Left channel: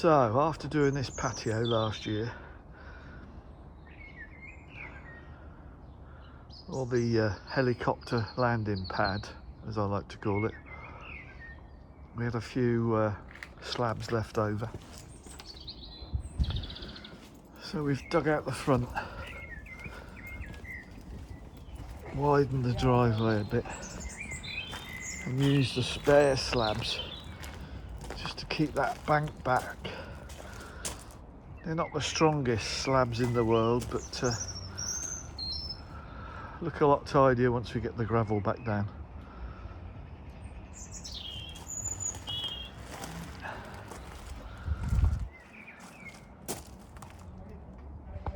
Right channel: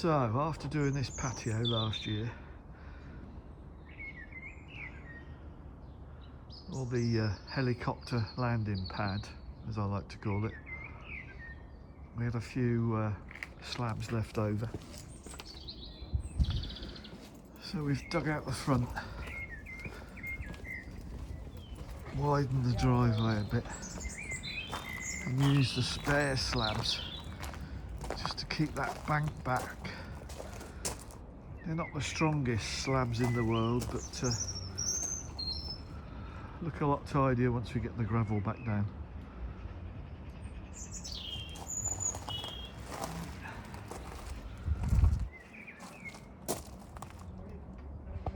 So, after doing this patio last year, or the helicopter landing pad, as I like to call it, we had a few slabs left over. So we've dug out the front, widened the driveway a bit, and used the spare slabs just to keep that bank back. They're not the strongest slabs in the world, but look a lot tidier once we get the gravel back down.